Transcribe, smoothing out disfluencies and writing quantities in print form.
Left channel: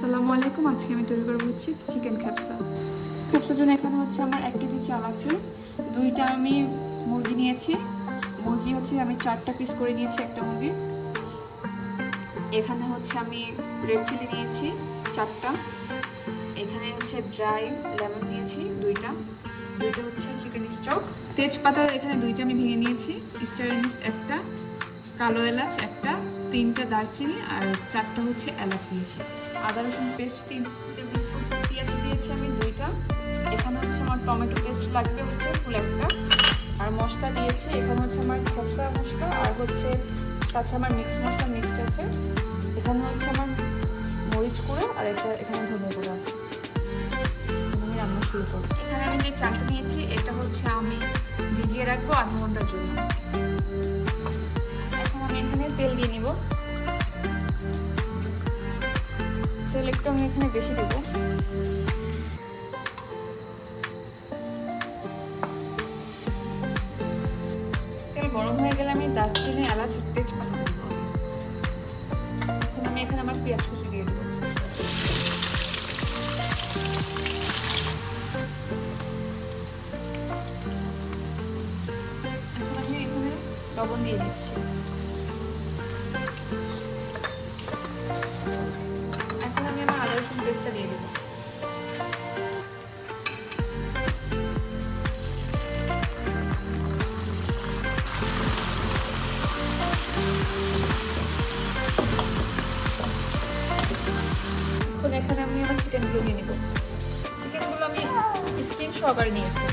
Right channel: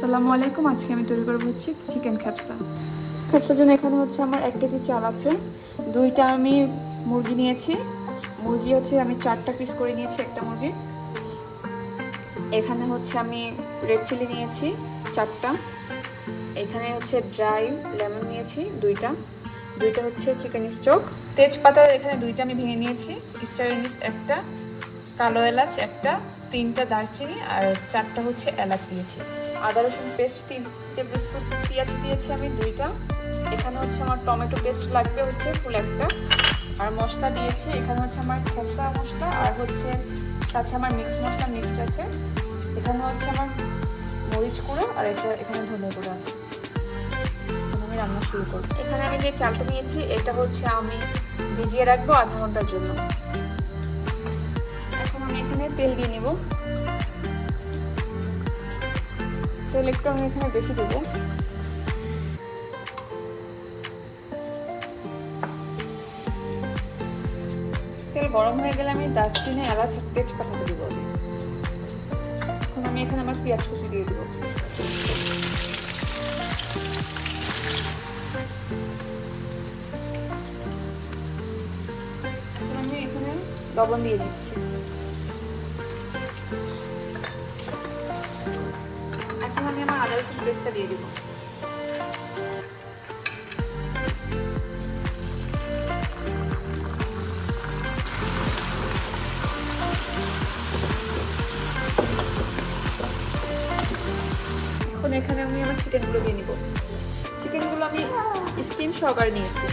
আসসালামু আলাইকুম। আজকে আমি তৈরি করবো হচ্ছে চিকেন খ্যাপসা। খ্যাপসার জন্য এখানে হচ্ছে আমার 1 কেজি চাল আছে, 2টা আমি মুরগি নিয়েছি। মুরগি হচ্ছে আমি 4টা পিস করে নিয়েছি একটা মুরগি। এখানে হচ্ছে আমি রেড চিলি নিয়েছি 4টা। এখানে হচ্ছে ড্রাই লেমন নিয়েছি 2টা হচ্ছে চিকেন স্টক। তেজপাতা এখানে 2টা আমি ভেঙে নিয়েছি, স্টার এনিস 1টা, কালো এলাচ 1টা, 3টা দারচিনি আর 4টা হচ্ছে এলাচ নিয়েছি। আদা রসুন পেস্ট 3 টেবিল স্পুন, পেঁয়াজ দিয়েছি আমি 2টা। এখানে হচ্ছে আমার টমেটো পেস্ট লাগবে হচ্ছে ফুল 1টা। আর মশলা দিয়েছি এখানে হচ্ছে আমার খোসা মশলা আর হচ্ছে সাথে আমার মিক্স মশলা মিক্সড আছে। এখানে হচ্ছে আমার মরিচ গুঁড়ো আর এখানে ধনে গুঁড়ো আছে। আমি রান্না শুরু করব। এখানে আমি যে চালটা নিয়েছি এটা হচ্ছে আমি ভিজিয়ে রাখবো আধা ঘন্টার জন্য। এখন আমি এখানে তেল দিয়ে নিব। তেল একটু আমি এখানে বেশি দেবো। তেল গরম হয়ে গেলে আমি দারচিনি এলাচ তেজপাতা দিব। এখন আমি এখানে আমার পেঁয়াজ কুচি দিয়ে দেবো। এখন আমি এখানে লবণ দিয়ে দিচ্ছি। এখন আমি আমার আদা রসুন পেস্টটা দিয়ে দেবো। এখানে আমি আমার চিকেনগুলো দিয়ে দিব। চিকেনগুলো আমি স্কিন সহকারে নিয়েছি।